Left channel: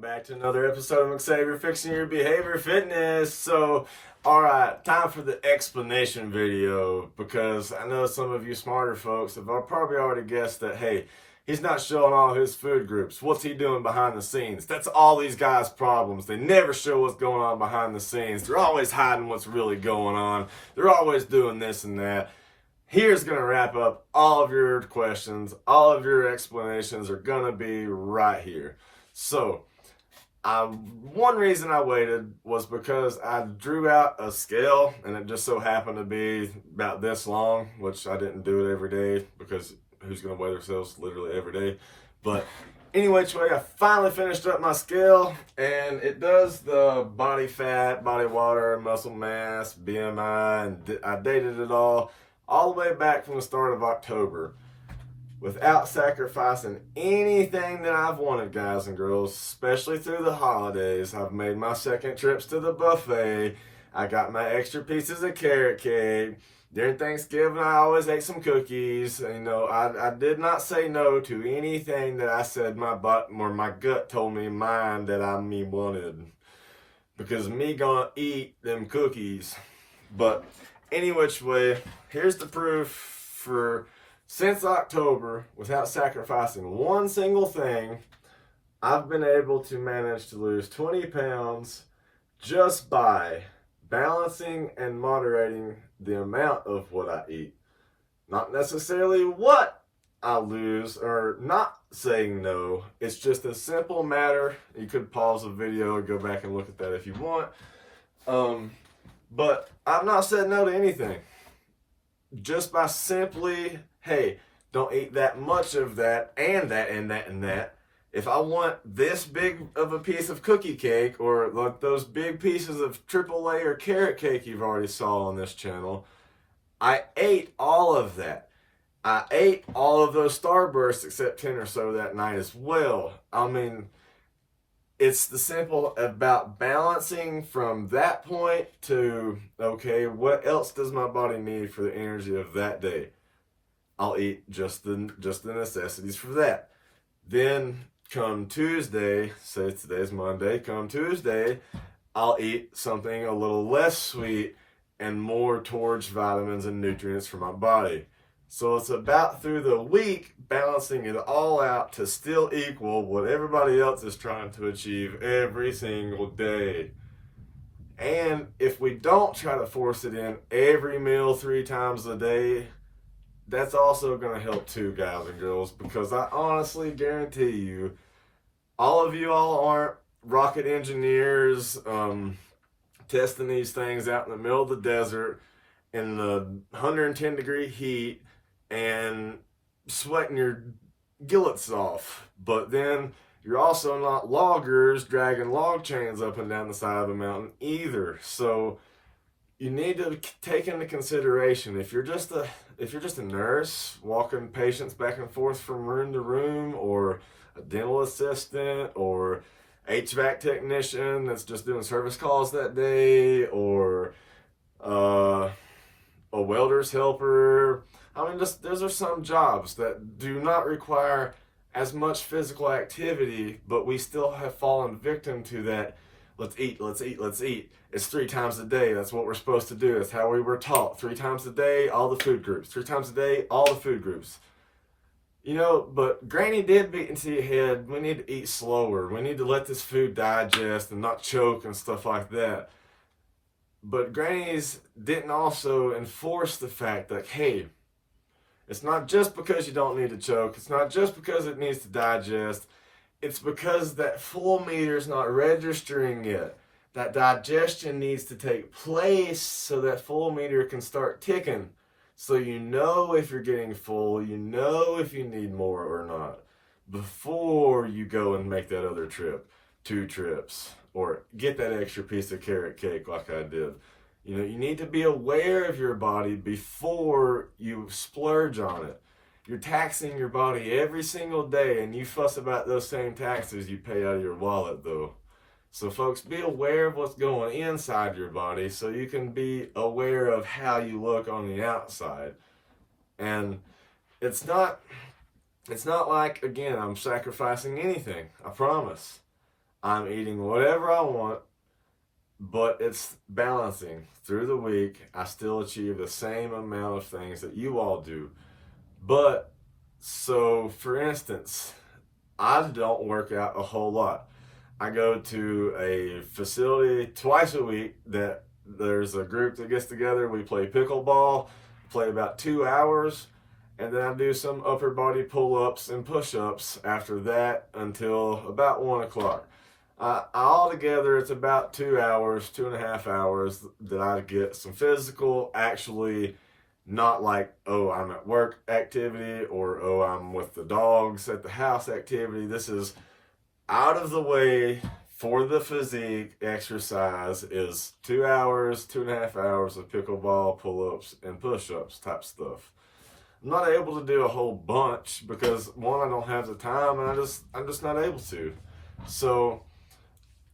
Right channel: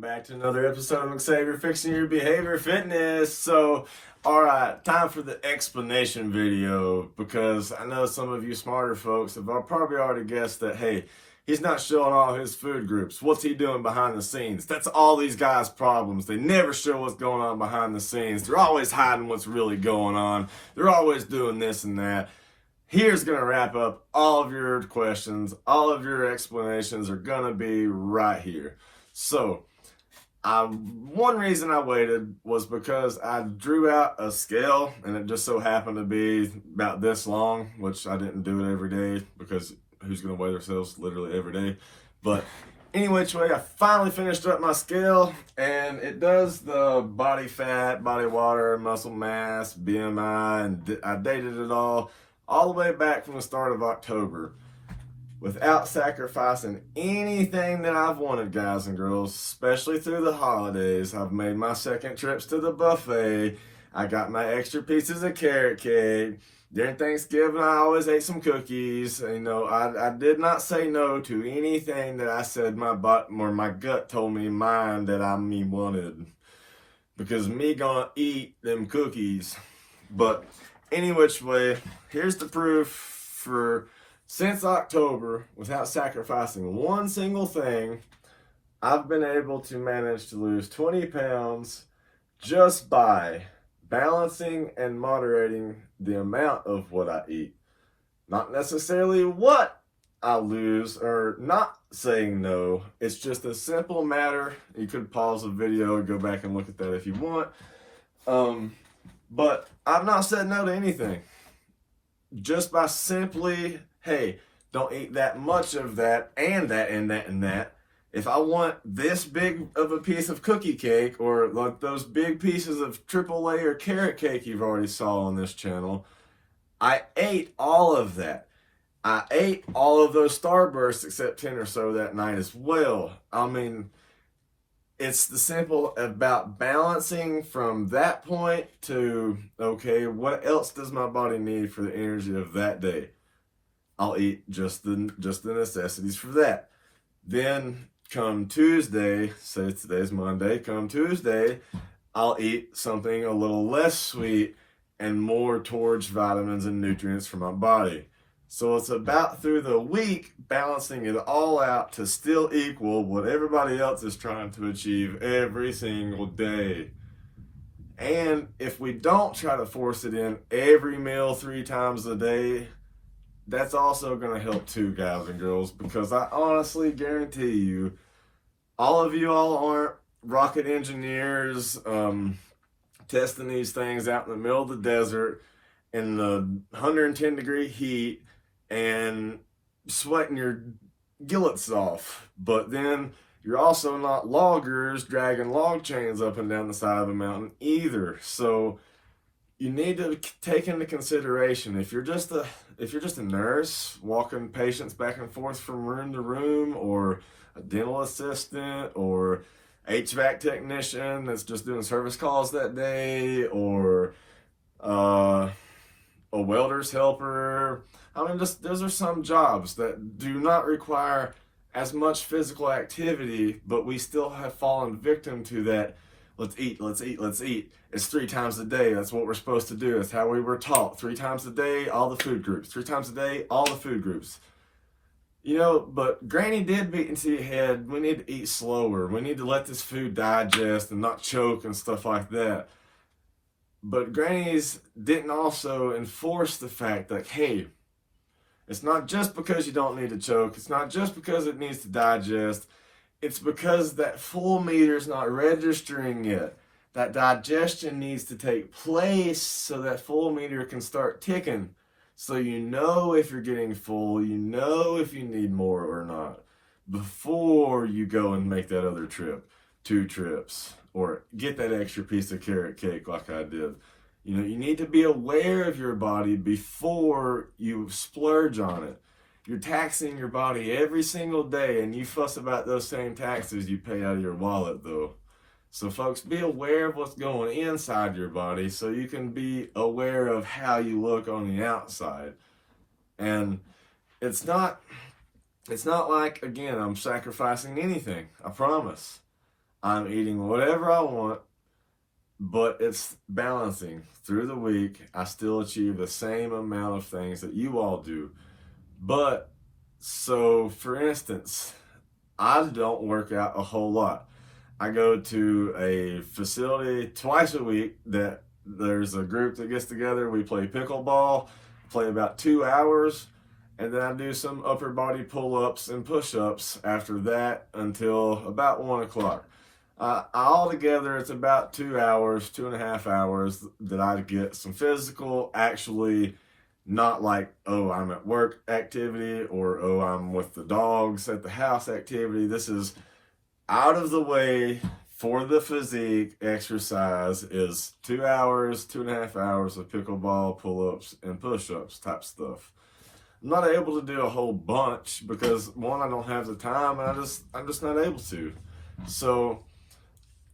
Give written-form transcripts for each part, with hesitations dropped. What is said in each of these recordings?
Welcome back to another episode of McSavior Fixing Your Behavior Fitness. So, alright, time for the explanation video, because I know some of you smarter folks have probably already guessed that, hey, he's not showing all his food groups. What's he doing behind the scenes? That's all these guys' problems. They never show what's going on behind the scenes. They're always hiding what's really going on. They're always doing this and that. Here's going to wrap up all of your questions. All of your explanations are going to be right here. So, one reason I waited was because I drew out a scale and it just so happened to be about this long, which I didn't do it every day because who's going to weigh themselves literally every day. But anyway, I finally finished up my scale, and it does the body fat, body water, muscle mass, BMI, and I dated it all the way back from the start of October, without sacrificing anything that I've wanted, guys and girls, especially through the holidays. I've made my second trips to the buffet. I got my extra pieces of carrot cake. During Thanksgiving, I always ate some cookies. You know, I did not say no to anything that I said my butt or my gut told me mine that I wanted. Because me gonna eat them cookies. But any which way, here's the proof for since October, without sacrificing one single thing, I've been able to manage to lose 20 pounds just by balancing and moderating the amount of what I eat. Not necessarily what I lose or not saying no. It's just a simple matter. You could pause the video and go back and look at that if you want. But I've not said no to anything. Just by simply, hey, don't eat that much of that and that and that and that. If I want this big of a piece of cookie cake, or like those big pieces of triple layer carrot cake you've already saw on this channel, I ate all of that. I ate all of those Starbursts except 10 or so that night as well. I mean, it's the simple about balancing from that point to, okay, what else does my body need for the energy of that day? I'll eat just the necessities for that. Then come Tuesday, say today's Monday, come Tuesday, I'll eat something a little less sweet and more towards vitamins and nutrients for my body. So it's about through the week balancing it all out to still equal what everybody else is trying to achieve every single day. And if we don't try to force it in every meal 3 times a day, that's also going to help too, guys and girls, because I honestly guarantee you, all of you all aren't rocket engineers testing these things out in the middle of the desert in the 110 degree heat and sweating your gillets off. But then you're also not loggers dragging log chains up and down the side of a mountain either. So you need to take into consideration, if you're just a nurse walking patients back and forth from room to room, or a dental assistant, or HVAC technician that's just doing service calls that day, or a welder's helper. I mean, those are some jobs that do not require as much physical activity, but we still have fallen victim to that. Let's eat, let's eat, let's eat. It's 3 times a day. That's what we're supposed to do. That's how we were taught. 3 times a day, all the food groups. 3 times a day, all the food groups. You know, but Granny did beat into your head, we need to eat slower. We need to let this food digest and not choke and stuff like that. But Granny's didn't also enforce the fact that, hey, it's not just because you don't need to choke. It's not just because it needs to digest. It's because that full meter's not registering yet. That digestion needs to take place so that full meter can start ticking. So you know if you're getting full, you know if you need more or not, before you go and make that other trip, 2 trips, or get that extra piece of carrot cake like I did. You know, you need to be aware of your body before you splurge on it. You're taxing your body every single day, and you fuss about those same taxes you pay out of your wallet, though. So, folks, be aware of what's going inside your body so you can be aware of how you look on the outside. And it's not like, again, I'm sacrificing anything. I promise. I'm eating whatever I want, but it's balancing. Through the week, I still achieve the same amount of things that you all do. But, so for instance, I don't work out a whole lot. I go to a facility twice a week that there's a group that gets together. We play pickleball, play about 2 hours, and then I do some upper body pull-ups and push-ups after that until about 1 o'clock. Altogether, it's about 2 hours, 2.5 hours that I get some physical, actually not like, oh, I'm at work activity or, oh, I'm with the dogs at the house activity. This is out of the way for the physique exercise is 2 hours, 2.5 hours of pickleball, pull-ups, and push-ups type stuff. I'm not able to do a whole bunch because one, I don't have the time, and I'm just not able to. So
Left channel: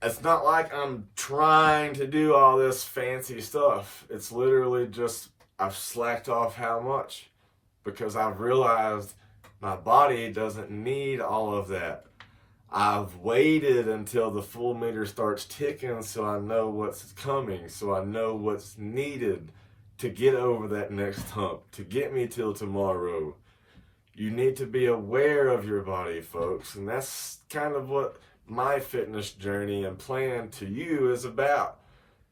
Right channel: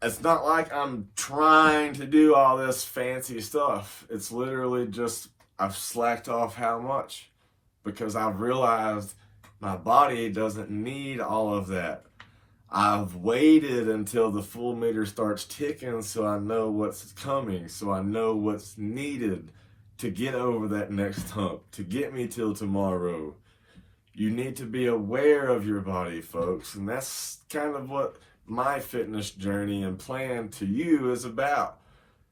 it's not like I'm trying to do all this fancy stuff. It's literally just I've slacked off how much because I've realized my body doesn't need all of that. I've waited until the full meter starts ticking so I know what's coming, so I know what's needed to get over that next hump, to get me till tomorrow. You need to be aware of your body, folks, and that's kind of what my fitness journey and plan to you is about.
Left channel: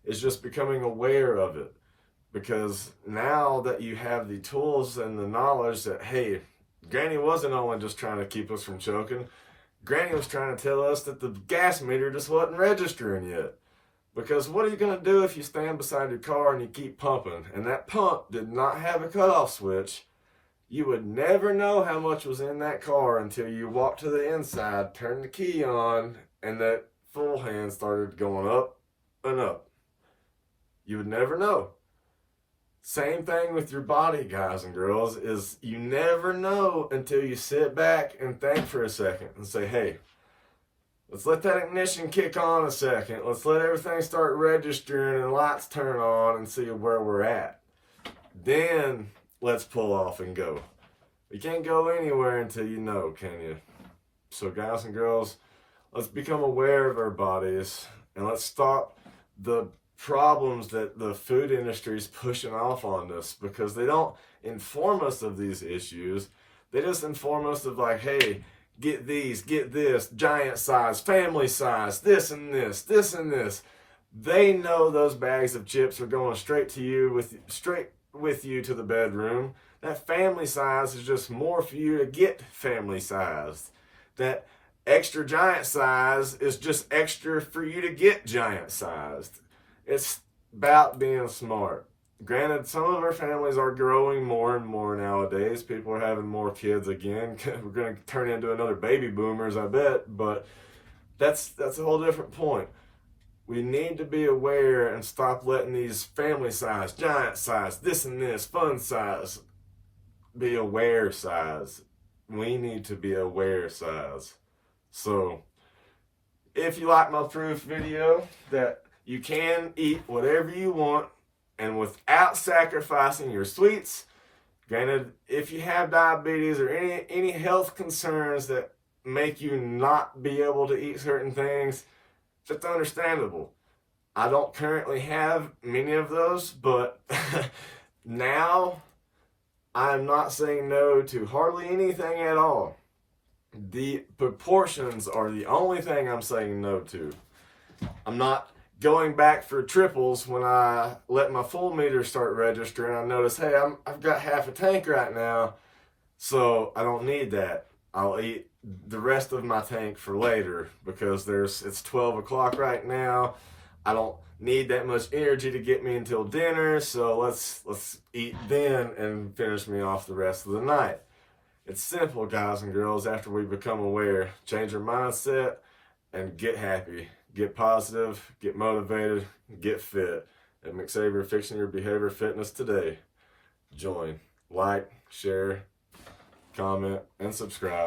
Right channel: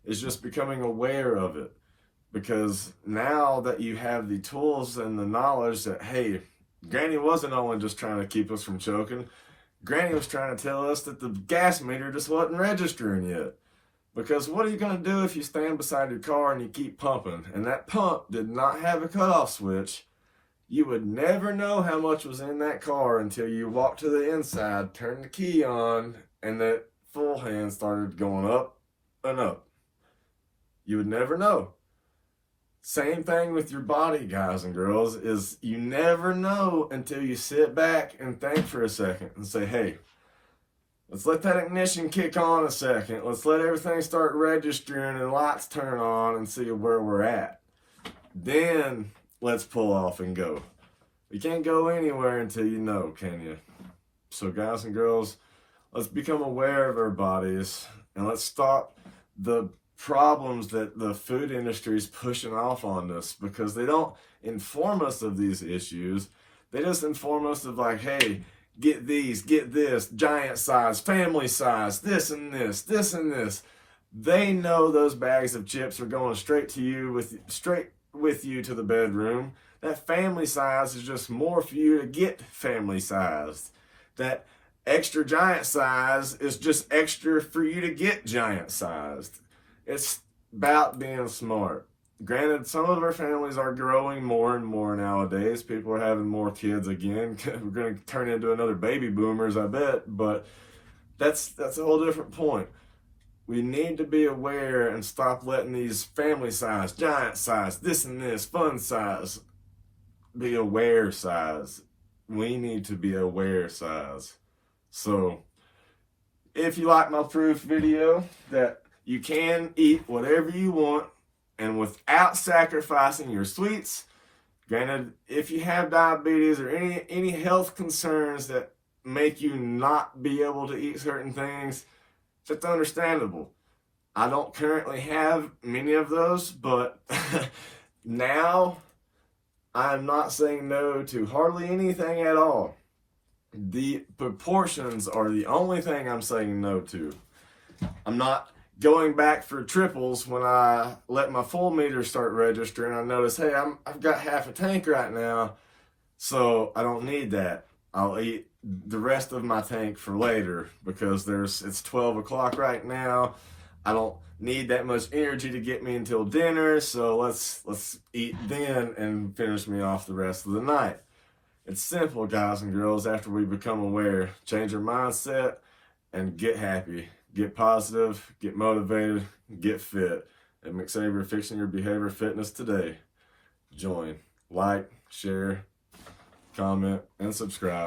It's just becoming aware of it. Because now that you have the tools and the knowledge that, hey, Granny wasn't only just trying to keep us from choking, Granny was trying to tell us that the gas meter just wasn't registering yet. Because what are you going to do if you stand beside your car and you keep pumping, and that pump did not have a cutoff switch? You would never know how much was in that car until you walked to the inside, turned the key on, and that full hand started going up and up. You would never know. Same thing with your body, guys and girls, is you never know until you sit back and think for a second and say, hey, let's let that ignition kick on a second. Let's let everything start registering and lights turn on and see where we're at. Then let's pull off and go. You can't go anywhere until you know, can you? So guys and girls, let's become aware of our bodies and let's stop the problems that the food industry is pushing off on us, because they don't inform us of these issues. They just inform us of like, hey, get these, get this, giant size, family size, this and this, this and this. They know those bags of chips are going straight to you, straight with you to the bedroom. That family size is just more for you to get family sized. That extra giant size is just extra for you to get giant sized. It's about being smart. Granted, some of our families are growing more and more nowadays. People are having more kids again. We're going to turn into another baby boomers, I bet. But that's a whole different point. We need to be aware and stop letting these family size, giant size, this and this, fun size, be aware size. We need to be aware size. So, if you like my proof video that you can eat whatever you want and without sacrificing your sweets. Granted, if you have diabetes or any health concerns that make you not be able to eat certain things, it's understandable. I don't currently have many of those, but now I'm not saying no to hardly anything at all. The proportions are the only thing I'm saying no to. I'm not going back for triples when I let my full meter start registering. I notice, hey, I've got half a tank right now, so I don't need that. I'll eat the rest of my tank for later because it's 12 o'clock right now. I don't need that much energy to get me until dinner, so let's eat then and finish me off the rest of the night. It's simple, guys and girls, after we become aware. Change our mindset and get happy. Get positive, get motivated, get fit. At McSavior, fixing your behavior fitness today. Join, like, share, comment, and subscribe.